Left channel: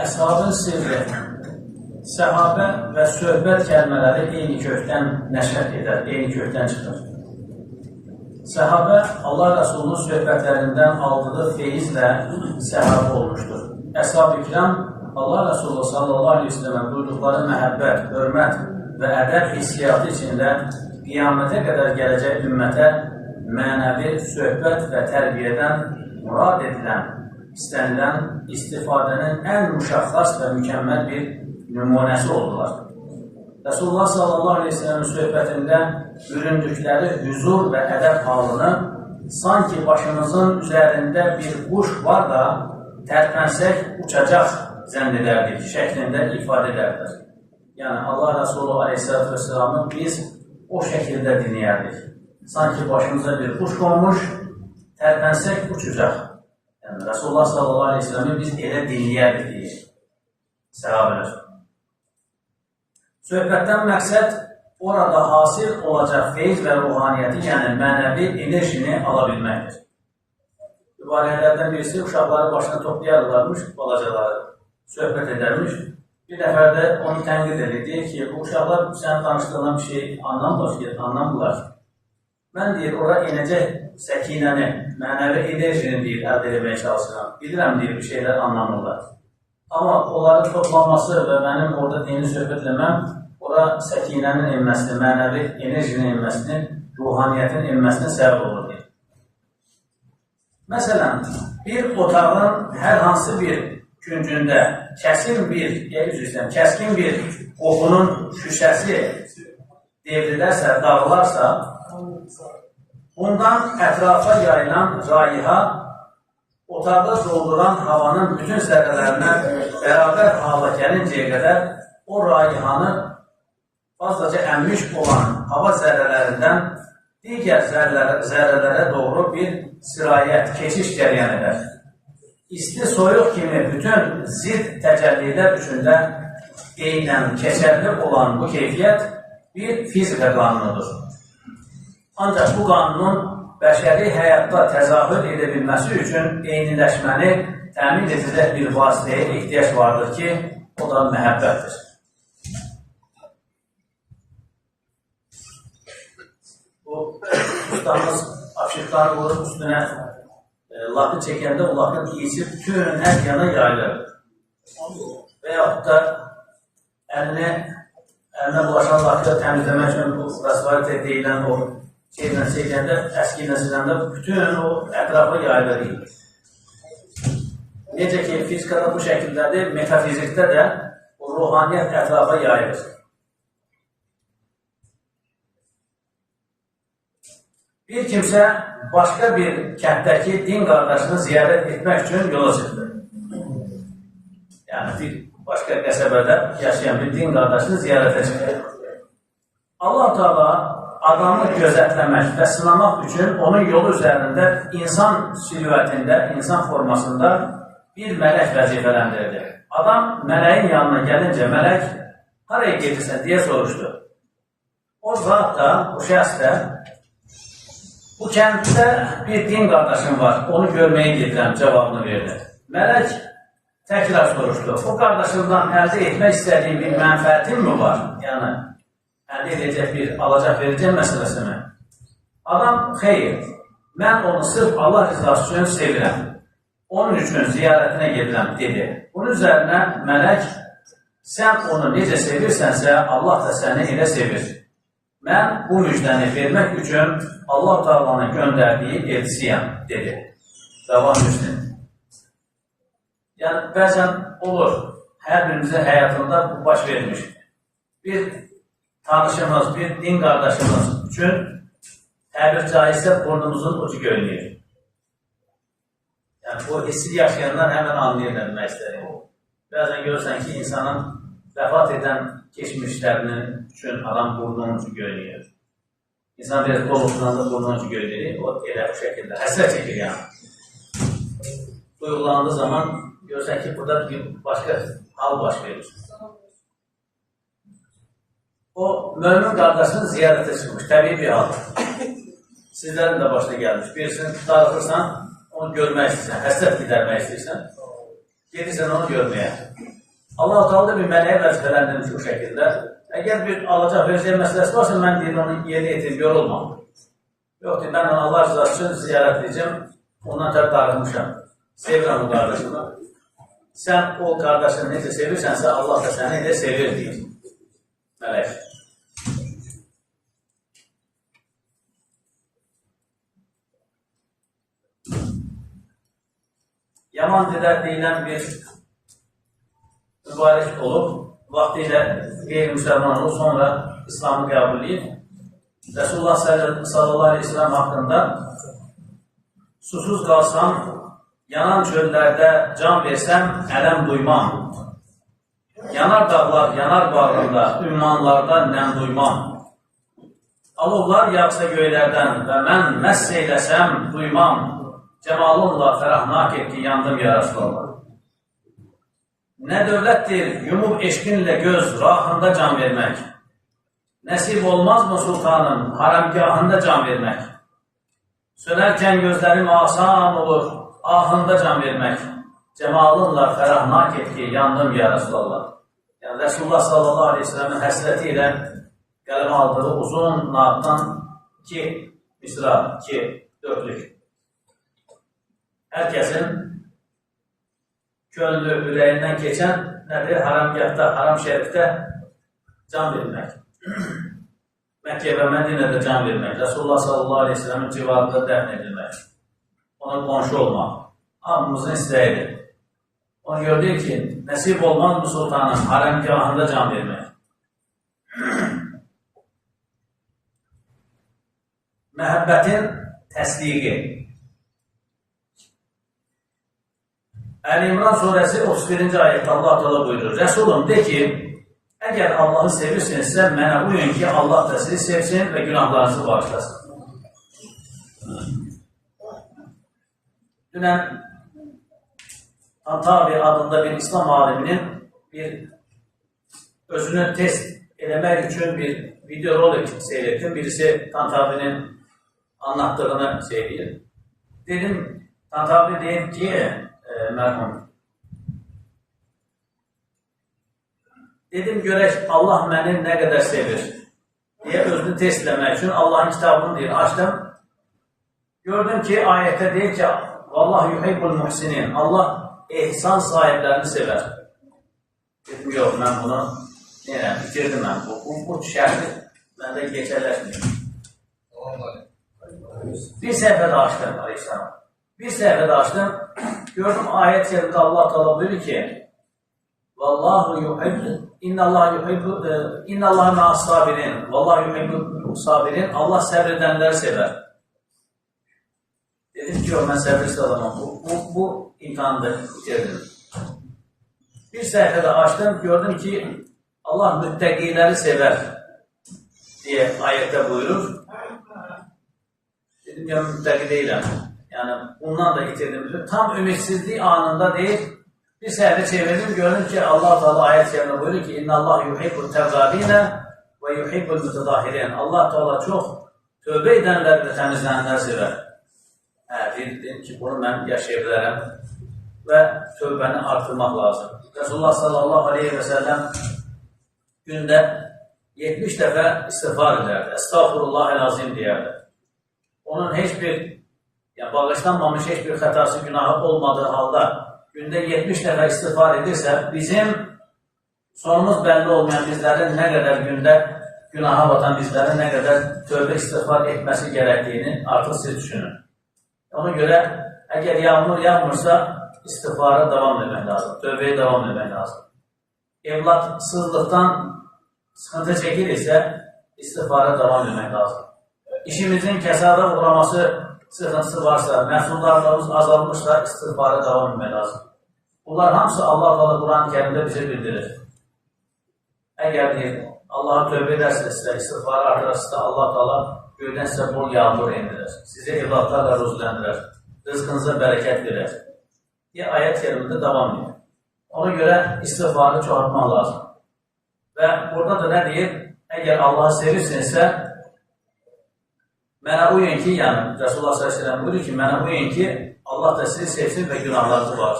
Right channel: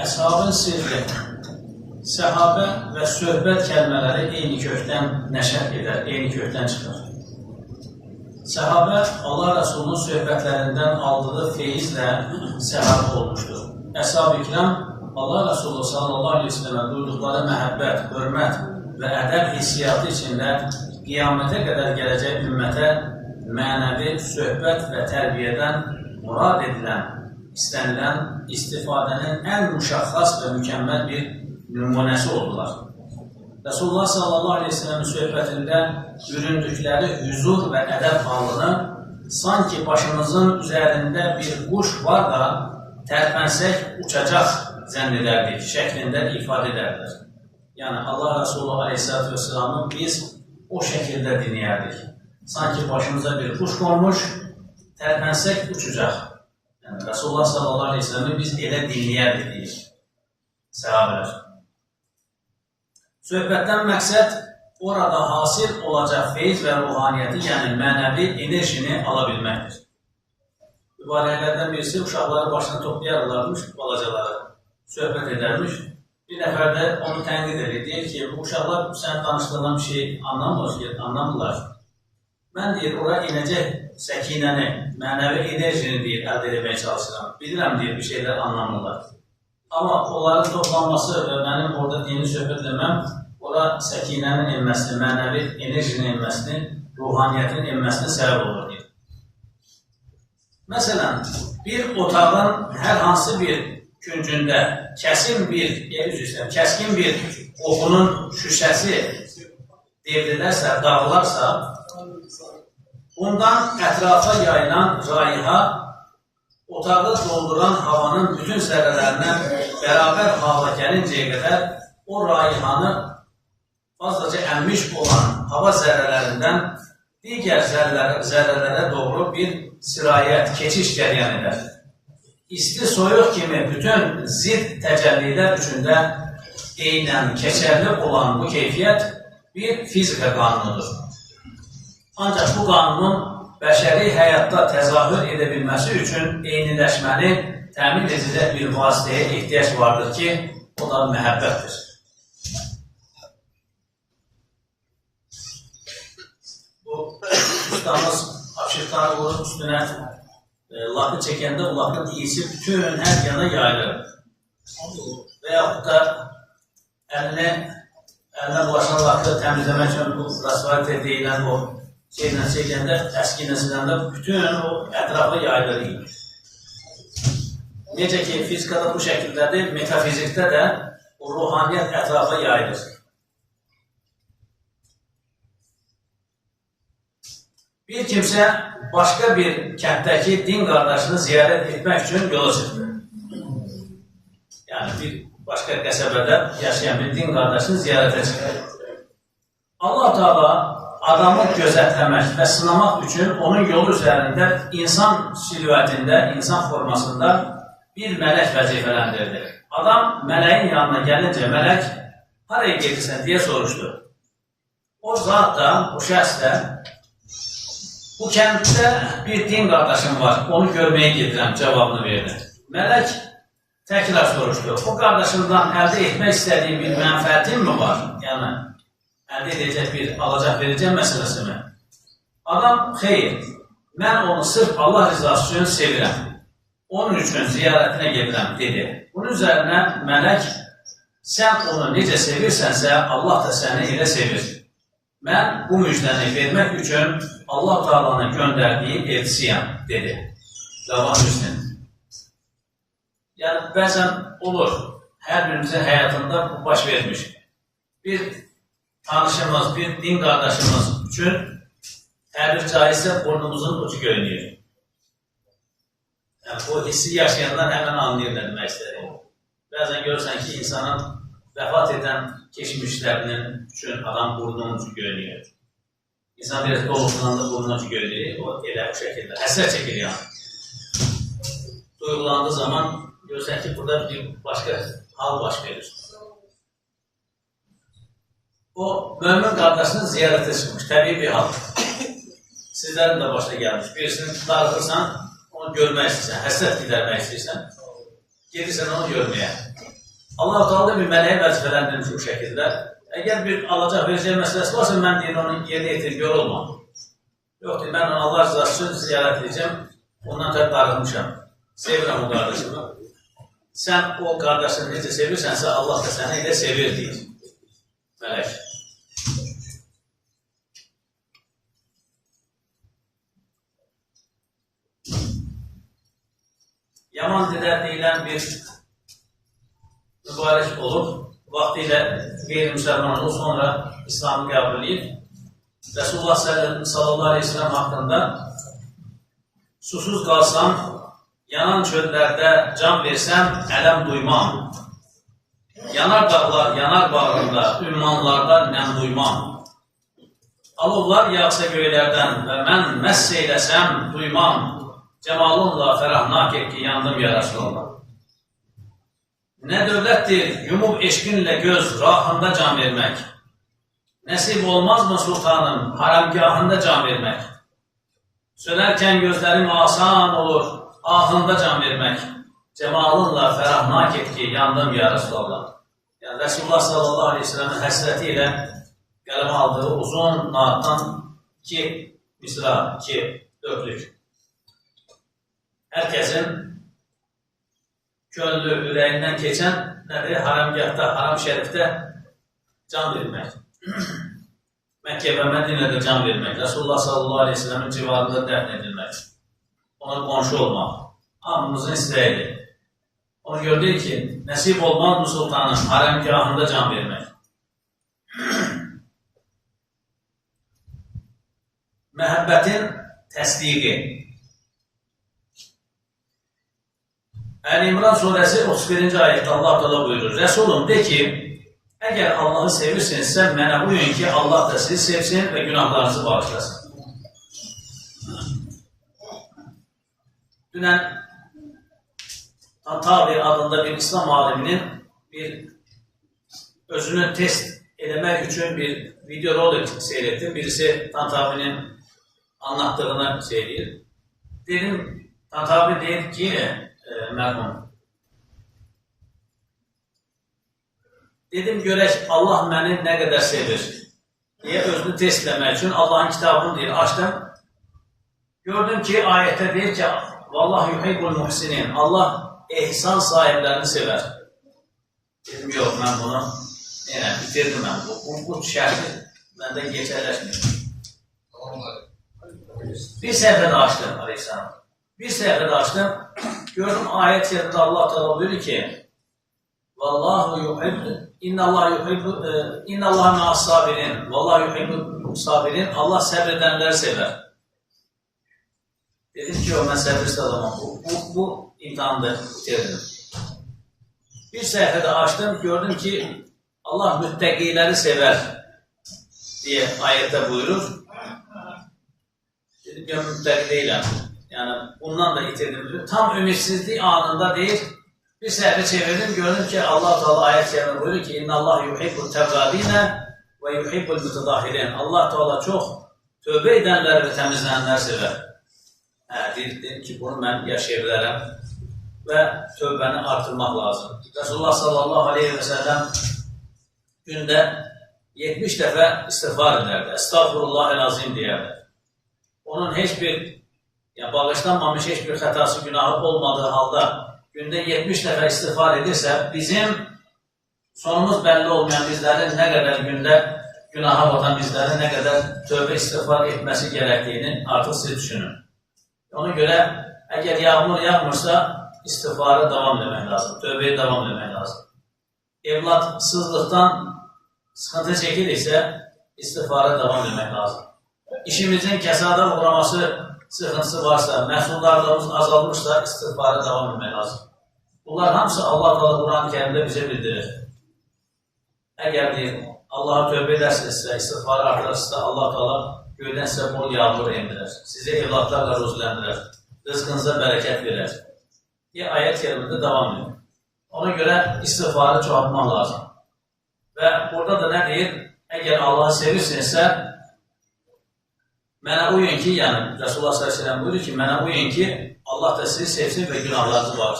Əshabın sirri, səhabə və söhbət kəlmələri eyni kökdən nəşət edər, eyni kökdən çıxır. Səhabə Allah Rəsulunun söhbətlərindən aldığı feyizlə səhabə olmuşdur. Əshab-ı kiram Allah Rəsulu sallallahu aleyhi ve sellemə duyduqları məhəbbət, hörmət və ədəb hissiyatı içində qiyamətə qədər gələcək ümmətə mənəvi söhbət və tərbiyədən murad edilən, istənilən istifadənin ən müşəxxəs və mükəmməl bir nümunəsi oldular. Resulullah sallallahu aleyhi ve sellem'in söhbətində büründükləri hüzur və ədəb halını sanki başımızın üzərində bir quş var da tərpənsək uçacaq zənn edərdik şəklində ifadə edərlər. Yəni Allah Resulü aleyhissalatü vesselam'ı biz o şəkildə dinləyərdik. Sanki başımıza bir quş qonmuş, tərpənsək uçacaq. Yəni Resulullah sallallahu aleyhi ve sellem'i biz elə dinləyərdik deyir səhabələr. Söhbətdən məqsəd orada hasil olacaq feyz və ruhaniyyəti, yəni mənəvi enerjini ala bilməkdir. Mübarəklərdən birisi uşaqları başına toplayarlarmış, balacaları söhbət edərmiş. Bir nəfər də onu tənqid edir, deyir ki, bu uşaqlar sən danışdığından bir şey anlamırlar. Mən deyir, ora inəcək səkinəni, mənəvi enerjini deyir, əldə etməyə çalışıram. Bilirəm deyir, bir şeylər anlamırlar. Amma onların toplanması və mənim orada dini söhbət eləməm, ora səkinənin enməsini, mənəvi enerjinin enməsini, ruhaniyyətin enməsinə səbəb olur deyir. Məsələn, bir otağın hər hansı bir küncündə kəskin bir qoxunun şüşəsi devrilərsə, dağılarsa, bundan ətrafa yayılan raiha otağı dolduran havanın bütün zərrələrinə bərabər hala gəlincəyə qədər o raihanı fazlaca əmmiş olan hava zərrələrindən digər zərrələrə doğru bir sirayət, keçiş cəryan edər. İsti, soyuq kimi bütün zidd təcəllilər üçündə eynən keçərli olan bu keyfiyyət bir fizika qanunudur. Ancaq bu qanunun bəşəri həyatda təzahür edə bilməsi üçün eyniləşməni təmin edilən bir vasitəyə ehtiyac vardır ki, o da məhəbbətdir. Bu, ustamız apşıqları vurub üstünə lakı çəkəndə o lakın iyisi bütün hər yana yayılır. Və yaxud da əlinə bulaşan lakı təmizləmək üçün bu rasvalit deyilən o şeylə çəkəndə, əski ilə siləndə bütün o ətrafa yayılır. Necə ki, fizikada bu şəkildədir, metafizikdə də o ruhaniyyət ətrafa yayılır. Bir kimsə başqa bir kənddəki din qardaşını ziyarət etmək üçün yola çıxdı. Yəni, bir başqa qəsəbədə yaşayan bir din qardaşını ziyarətə çıxdı. Allah-u Teala adamı gözətləmək və sınamaq üçün onun yolu üzərində insan silüətində, insan formasında bir mələk vəzifələndirdi. Adam mələyin yanına gəlincə, mələk haraya gedirsən deyə soruşdu. O zat da, bu şəxs də, bu kənddə bir din qardaşım var, onu görməyə gedirəm cavabını verdi. Mələk təkrar soruşdu. O qardaşımdan əldə etmək istədiyi bir mənfəətin mi var? Yəni, əldə edəcək bir alacaq verəcək məsələsi mi? Adam, xeyr, mən onu sırf Allah rızası üçün sevirəm. Onun üçün ziyarətinə gedirəm, dedi. Bunun üzərinə mələk, sən onu necə sevirsənsə, Allah da səni elə sevir. Mən bu müjdəni vermək üçün Allah Teala'nın göndərdiyi elçisiyəm, dedi. Davam Müslim. Yəni, bəzən olur, hər birimizin həyatında bu baş vermiş. Bir tanışımız, bir din qardaşımız üçün təbir caizsə burnumuzun ucu görünüyor. Yəni, bu hissi yaşayanlar həmən anlayır nə demək istəyir. Bəzən görürsən ki, insanın vəfat edən keçmişlərinin üçün adam burnunun ucu görünüyor. İnsan biraz qoluqlandı, burnunun ucu görünüyor. O elə bu şəkildə həsrət çəkir yəni. Duyğulandığı zaman görürsən ki, burada bir başqa hal baş verir. O, mömin qardaşının ziyarətə çıxmış, təbii bir hal. Sizlərin də başına gəlmiş. Birisini darıxırsan, onu görmək istəyirsən, həsrət gidermək istəyirsən, gedirsən onu görməyə. Allah-u Teala bir mələyə vəzifələndirmiş o şəkildə. Əgər bir alacaq verəcək məsələsi varsa, mən deyir, onu yerinə yetirib, yorulmam. Yox, deyir, mən Allah rızası üçün ziyarət edəcəm, ondan təb darıqmışam. Sevirəm o qardaşımı. Sən o qardaşını necə sevirsənsə, Allah da səni elə sevir, deyir mələk. Yaman Dedə deyilən bir mübarək olub, vaxtilə qeyri-müsəlman olub, sonra İslamı qəbul edib. Resulullah sallallahu aleyhi ve sellem haqqında susuz qalsam, yanan çöllərdə can versəm, ələm duymam. Yanar dağlar, yanar bağrında, ümmanlarda nəm duymam. Alovlar yağsa göylərdən və mən məss eyləsəm, duymam. Cəmalınla fərahnak et ki, yandım ya Resulallah. Nə dövlətdir, yumub eşqinlə göz, rahında can vermək. Nəsib olmazmı sultanım, haramgahında can vermək. Sönərkən gözlərim asan olur, ahında can vermək. Cəmalınla fərahnak et ki, yandım ya Resulallah. Yəni, Resulullah sallallahu aleyhi ve sellem'in həsrəti ilə qələmə aldığı uzun naatdan 2 misra, 2 dörtlük. Herkesin gönlü, ürəyindən keçən nədir? Haramgahda, haram şərifdə can vermək. Məkkə və Mədinədə can vermək. Resulullah sallallahu aleyhi ve sellem'in civarında dəfn edilmək. Ona qonşu olmaq. Hamımızın istəyidir. Onu gördük ki, nəsib olmaz mı sultanın haramgahında can vermək. Məhəbbətin təsdiqi. Əl-İmran surəsi 31-ci ayətdə Allah Teala buyurur. Resulüm de ki, əgər Allah'ı sevirsinizsə, mənə uyun ki, Allah da sizi sevsin və günahlarınızı bağışlasın. Dünən Tantavi adında bir İslam aliminin özünü test eləmək üçün bir video rolik seyrettim. Birisi Tantavi'nin anlattığını söyleyir. Dedim, Tantavi deyir ki, mərhum. Dedim, görək Allah məni nə qədər sevir deyə özünü test eləmək üçün Allah'ın kitabını deyir, açdım. Gördüm ki, ayətdə deyir ki, Vallahu yuhibbul muhsinin. Allah ehsan sahiblərini sevər. Dedim, yox, mən bunu bitirdim mən. Bu şərti məndə geçərləşməyir. Bir səhifədə açdım, aleyhisselam. Bir səhifədə açdım. Gördüm ayət yerində Allah Teala buyurur ki, Vallahu yuhibbu, innallaha yuhibbu, innallaha ma'as sabirin. Vallahu yuhibbu sabirin. Allah səbr edənləri sevər. Dedim ki, mən səbirsiz adamam. Bu imtihandır, bitirdim. Bir səhifədə açdım, gördüm ki, Allah müttəqiləri sevər deyə ayətdə buyurur. Dedim, ya müttəqi deyiləm. Yəni, bundan da itirdim. Tam ümitsizlik anında deyir, bir səhifə çevirdim, gördüm ki, Allah Teala ayət yerine buyurur ki, İnna Allah yuhibbul təvvabinə və yuhibbul mütədahirin. Allah Teala çox tövbə edənlər və təmizlənənlər sevər. Dedim ki, bunu mən yaşaya bilərəm və tövbəni artırmaq lazım. Resulullah sallallahu aleyhi ve sellem gündə 70 dəfə istiğfar edərdi. Estağfurullah-el-azim deyərdi. Onun heç bir, yəni bağışlanmamış heç bir xətası, günahı olmadığı halda gündə 70 dəfə istiğfar edirsə, bizim sonumuz bəlli olmayan bizlərin nə qədər gündə günaha batan bizlərin nə qədər tövbə istiğfar etməsi gərəkdiyini artıq siz düşünün. Ona görə, əgər yağmur yağmırsa, istiğfara davam etmək lazım, tövbəyə davam etmək lazım. Evladsızlıqdan sıxıntı çəkiriksə, istiğfara davam etmək lazım. İşimizin kəsada uğraması sıxıntısı varsa, məhsullarımız azalmışsa, istiğfara davam etmək lazım. Bunlar hamısı Allah Teala Quran-ı Kərimdə bizə bildirir. Əgər deyir, Allah'a tövbə edərsinizsə, istiğfarı artırırsınızsa, Allah Teala göydən sizə bol yağmur endirir. Sizə evlatlarla ruzləndirir. Rızqınıza bərəkət verir. Deyə ayət kərimində davam edir. Ona görə istiğfarı çoğaltmaq lazım. Və burada da nə deyir? Əgər Allah'ı sevirsinizsə, mənə uyun ki, yəni Resulullah s.ə.v buyurur ki, mənə uyun ki, Allah da sizi sevsin və günahlarınızı bağışlasın.